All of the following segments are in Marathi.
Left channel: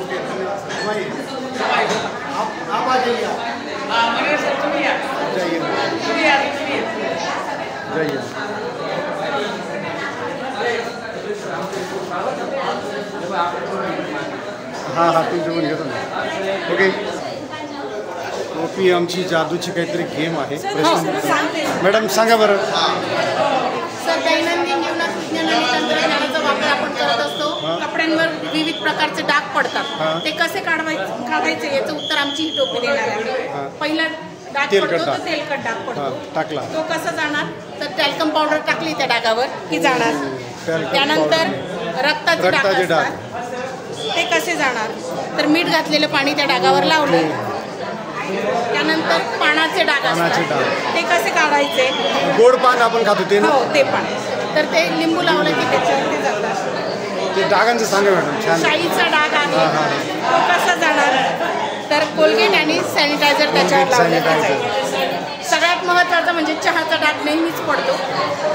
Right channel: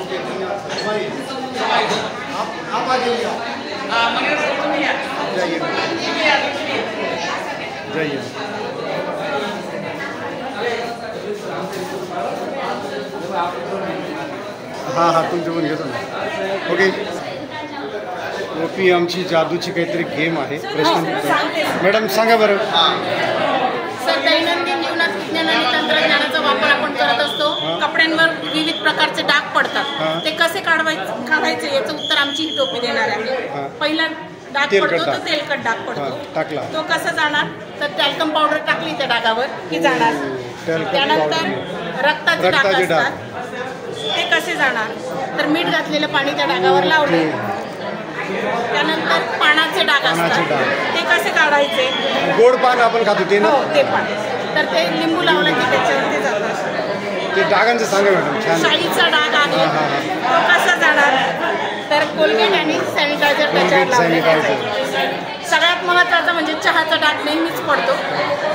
ओके, धन्यवाद आप आ जाइए। जाइए। हाँ हाँ, तुमचे पण घेतो ना। ओके, ओपी आमची जादूची काहीतरी गेम आहे। प्रश्न मॅडम सांगा बरं। सर, दैनंदिन जीवनात विज्ञान आणि तंत्रज्ञानाचा वापर आपण करत असतो। कपड्यांवर विविध प्रकारचे डाग पडतात, ते कसे काढायचे याचं उत्तर आमची ही टोपी देणार आहे। पहिला डाग पडतो तो तेलकट डाग पडतो, टाकला तो कसा जाणार तर टॅल्कम पावडर टाकली त्या डागावर की जाणार। त्यानंतर रक्ताचे डाग ते कसे जाणार तर मीठ घातलेलं पाणी त्या डागावर लावले। त्यानंतर पानाचे डाग ते कसे काढायचे? गोड पान आपण खातो ते ना, ते पण तर ते लिंबू लावलं की त्याच्यावरती जातात। ते डागांचं सांगा मॅडम। छान, शाईचा डाग आहे तो कसा जाणार तर कोलगेट आणि सॅनिटायझर त्याच्यावर। सगळ्यात महत्त्वाचं म्हणजे चहाचा डाग नेहमीच पडतो,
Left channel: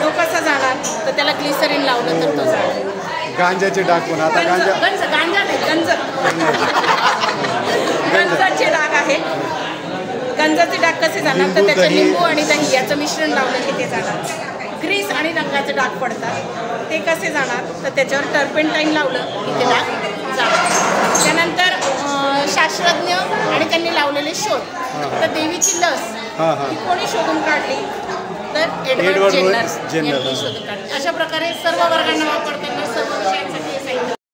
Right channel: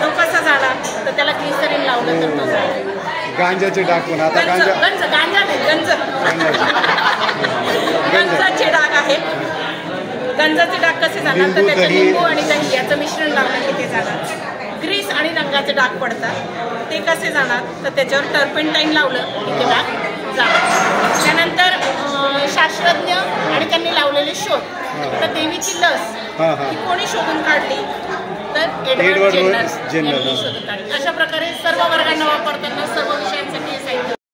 तो कसा जाणार तर त्याला ग्लिसरीन लावलं तर तो जाणार। गांजाचे डाग पण आता गांजाचे डाग आहे। गंजाचे डाग कसे जाणार तर त्याचे लिंबू आणि दही याचं मिश्रण लावलं की ते जाणार। ग्रीस आणि रंगाचे डाग पडतात, ते कसे जाणार तर त्याच्यावर टर्पेंटाईन लावलं की ते डाग जाणार। त्यानंतर शास्त्रज्ञ आणि त्यांनी लावलेले शोध, तर देवीची लस ही कोणी शोधून काढली तर एडवर्ड जेनर यांनी शोधून काढली। अशा प्रकारे सर्व वर्गांना वापरताना सर्व विषयांसाठी